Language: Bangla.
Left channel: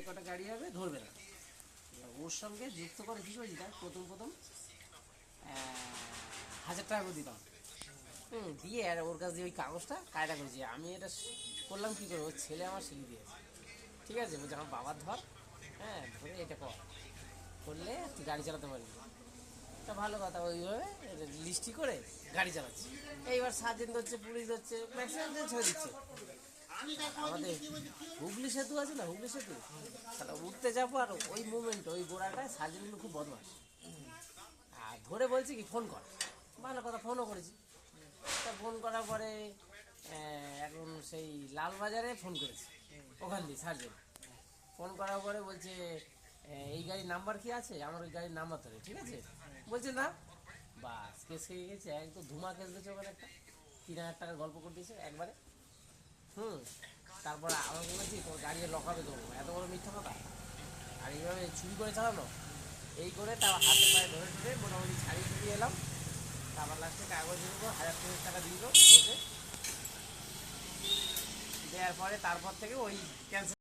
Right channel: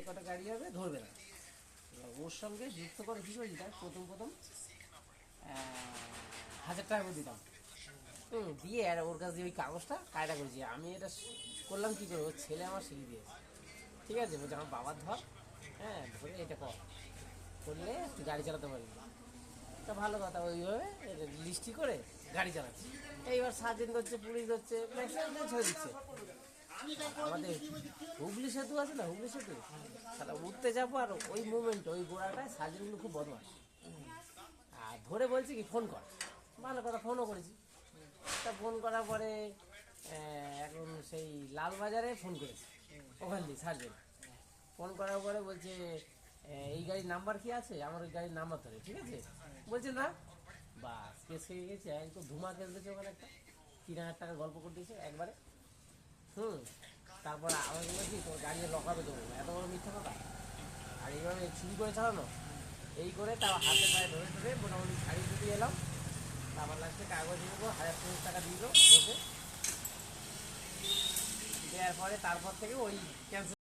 যে কটা গাড়ি হবে ধরবে না। ওর সঙ্গে যুক্ত করে কী করেছিলাম, প্রথম 1000 টাকা করে দিতাম। দিয়ে আর ওর কাছে ওই কাগজটা কায়দা করেছি আমি। এটা করলাম কী করে, ওর ছেলে আমার শিখিয়ে দিয়েছে। ঠিক আছে, বলছে আমার বাবার ধর, হ্যাঁ ধরে এটা করলে তুই গাড়ি চালাতে পারবি। তা ভালো কথা, ওইভাবে লিস্টি করে গাড়ি চালাচ্ছি। এইবার সার্জেন্ট হচ্ছে, পুলিশ হচ্ছে, ম্যাক্সিমাম ছেড়ে দিচ্ছে। আমাদের হুগলি সেতু আছে না, হুগলি সেতু, তাহলে উঠতে যাবো আর ওই মুভমেন্ট ওই গোড়াটায় সার্জেন্টগুলো খুব বদমাস। আর ধরে বলছি কি ফোন কর, ভালো কথা, ফোনও করেছি। তা ফোন করার পরে এখন সেই লালবাজারে ফোন করেছি, ওখান দিয়ে সার্জেন্ট ফোন করার পরে বলছে এই গাড়ির নাম্বার কি আছে, আমার ওই গাড়ির নাম্বার ধরে, ঠিক আছে বলছে না। বাস কেস হয়ে গেছে, একদম ধুমা কেস দিয়েছে ওখানে একটা 3000 টাকার গল্প করে দিয়েছে একবারে। তারপর আমাকে বলছি তোর গাড়ি লকাবে দেবো, এত বড় মিথ্যা কথা। আর এইভাবে চুরি করে চালানো, এই করে তার হাতে পায়ে ধরে ধরে মোটামুটি ছাড়িয়ে ছুটিয়ে এলাম। তারপর লাস্টে কাগজ দিয়ে দেবো, 1000 টাকা দিয়ে দেবো বসে দেওয়ার পরে তারপর থেকে ওই ক্যান্সেল।